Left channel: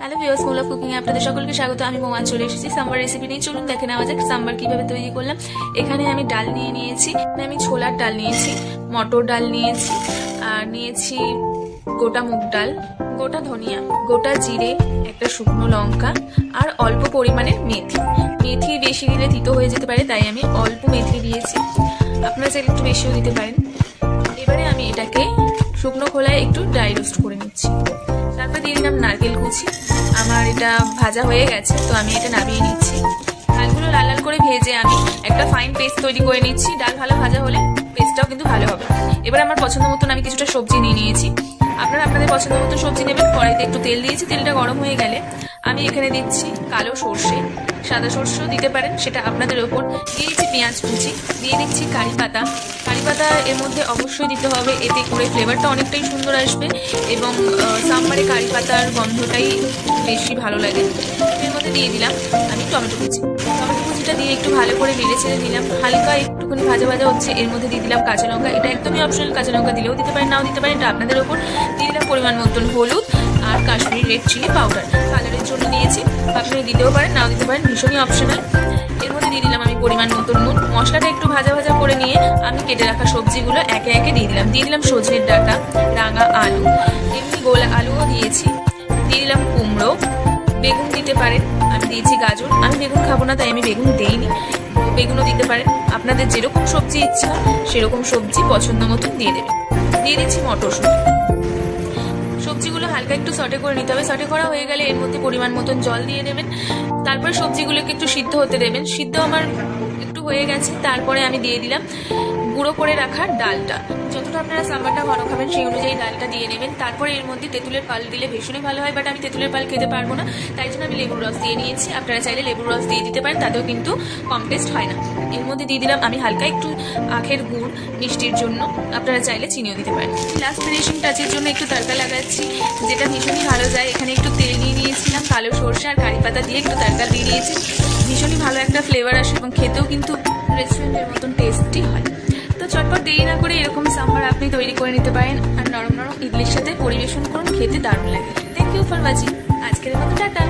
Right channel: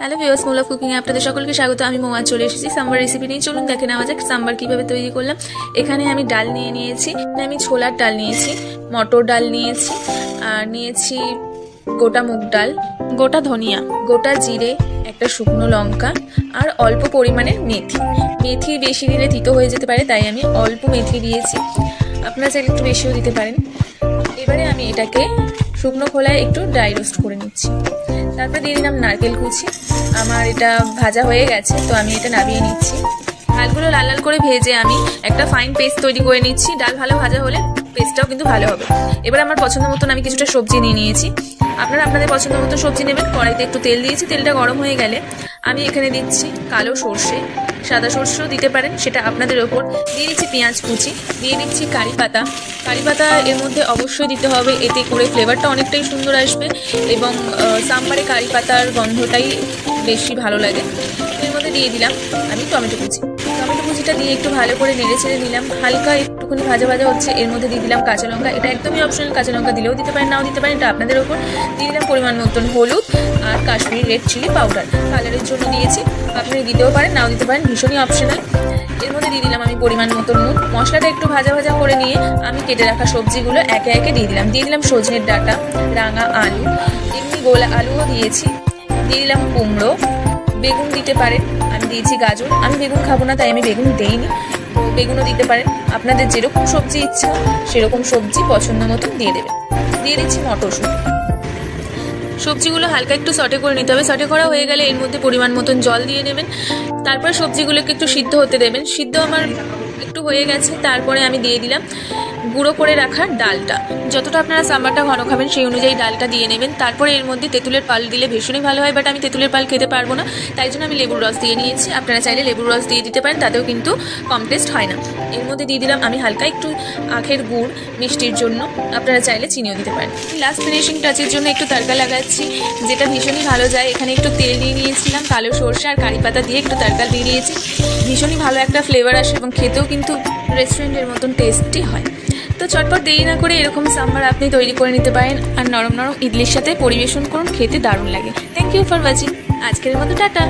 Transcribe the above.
Hello viewers, মুল of cooking এ আপনাদের সকলকে স্বাগত। আমি মোয়া চলে এসেছি সাম্বার রেসিপি নিয়ে। চলুন দেখে নেওয়া যাক সাম্বার কিভাবে তৈরি করলাম। এখানে আমি ডাল নিয়ে নিয়েছি, আমি ছোলার ডাল নিয়েছি, মটর ডাল নিয়েছি, আর নিয়েছি গোটা মুগ ডাল, গোটা ধনিয়া, গোটা জিরে, একটা শুকনো লঙ্কা আর অল্প পরিমাণে মেথি। মেথি বেশি দিলে তিতো হয়ে যেতে পারে, তাই আমি অল্প মেথি দিয়েছি, আপনারা চাইলে একটু বেশিও দিতে পারেন। এবারে আমি এটাকে শুকনো খোলায় একটু ড্রাই রোস্ট করে নিচ্ছি। তারপর দিয়ে দিলাম নারকেল কুচি। আমার এটা ভাজা হয়ে গেছে, তো আমি এটা নামিয়ে নিচ্ছি। ডালগুলো লাল লাল করে ভেজে আমি একটা ফাইন পেস্ট তৈরি করে নিচ্ছি। ডাল ভালো ভাজা হলে পেস্টটাও কিন্তু ভালো হবে। এবার আমার পছন্দ মতন আমি কিছুটা সবজি নিয়ে নিয়েছি, আপনারা আপনাদের পছন্দ মতো সবজি নেবেন। কড়াইতে একটু তেল দিয়েছি, তেলটা গরম হয়ে গেলে আমি এখানে দিচ্ছি কালো সর্ষে, সাদা সর্ষেও দিতে পারেন, সেটা আপনাদের ওপর। দিয়ে দিচ্ছি পেঁয়াজ কুচি, দিয়ে দিচ্ছি কারি পাতা। কারি পাতা এর মধ্যে অবশ্যই দিতে হবে, এতে করে ফ্লেভারটা অনেকটাই সুন্দর আসবে এবং সাম্বারে কারি পাতার গন্ধটাই বেশি ভালো লাগে। এর মধ্যে দিয়ে দিলাম আমি টমেটো কুচি। টমেটো কুচিটা দিয়ে একটু ভালো করে নেড়ে ছেড়ে নিলাম। হালকা একটুখানি ভাজা ভাজা হচ্ছে, এর মধ্যে দিয়ে দিলাম কাঁচা লঙ্কা। এটা একদমই অপশনাল, কাঁচা লঙ্কা দিলেও দিতে পারেন, নাও দিতে পারেন, এটা আপনাদের ওপর। দিয়ে দিলাম পরিমাণ মতন হলুদ আর কাশ্মীরি রেড চিলি পাউডার, কালারের জন্য দিয়েছি, আপনারা দিতেও পারেন, নাও দিতে পারেন, ভীষণই অপশনাল। এর মধ্যে দিয়ে দিলাম আমি পরিমাণ মতন নুন। মশলাটা একটু ভাজা ভাজা করে নিয়ে আমি কেটে রাখা সবজিগুলো একে একে দিয়ে দিলাম। দিয়ে দিলাম সজনের ডাঁটা, রাঙা আলু, এমনি গোল আলুও দিয়েছি, দিয়ে দিলাম কুমড়ো, বেগুন দিতে পারেন, আমি দিয়েছি গাজর। আমি বেগুন খাবো না, তাই আমি বেগুন দেইনি, তো বেগুনও দিতে পারেন। আপনাদের যেরকম সবজি ইচ্ছা সেরকম সবজি পছন্দ মতন দিয়ে দেবেন। দিয়ে দিচ্ছি মটরশুঁটি। সবজিগুলো হালকা একটু সটে করে নিতে হবে। সটে করা হয়ে গেলে এর মধ্যে পরিমাণ মতন জল দিয়ে দেবেন। তারপরে সবজিগুলোকে একটু সিদ্ধ হতে দেবেন। সিদ্ধ আমার একটু হয়ে গেছে, তারপরে আমি দিয়ে দিলাম গুঁড়ো করে রাখা ডালটা। যতটা আপনারা সাম্বারটা ঘন খাবেন সেই অনুযায়ী ডালটা দিয়ে নেবেন। তারপরে এর মধ্যে তেঁতুলের পাল দিলে ভীষণই ভালো হয়, বাট আমি তেঁতুলের পাল খেতে পারবো না, তাই জন্য আমি লেবুর রস দিয়ে নিয়েছি। আপনারা চাইলে লেবুর রস দিয়ে দিতে পারেন, তাতেও কিন্তু কম টেস্ট হয় না। এর মধ্যে দিয়ে দিলাম আমি হালকা একটু আখের গুড় মিষ্টির জন্য, আপনারা চাইলে চিনিও দিতে পারেন। লাস্ট ফিনিশিং টাচের জন্য একটু তড়কা লাগাচ্ছি, যেটা ভীষণই ভালো যায়। এখানে একটু তেল দিয়ে নিয়েছিলাম, কালো সরষে আর কারি পাতা দিয়ে একটু তড়কা দিয়ে দিয়েছি। ভীষণই ভালো একটা ফ্লেভার আসে এবং খেতেও কিন্তু রেস্টুরেন্টের মতন টেস্টি হয়। তো চটপট দেরি না করে এরকম সাম্বার আপনি তৈরি করে নিতে পারেন আর নরম নরম ইডলির সাথে পরিবেশন করুন, খেতে দারুণ লাগে। Thank you for watching. আজকের মতো টাটা।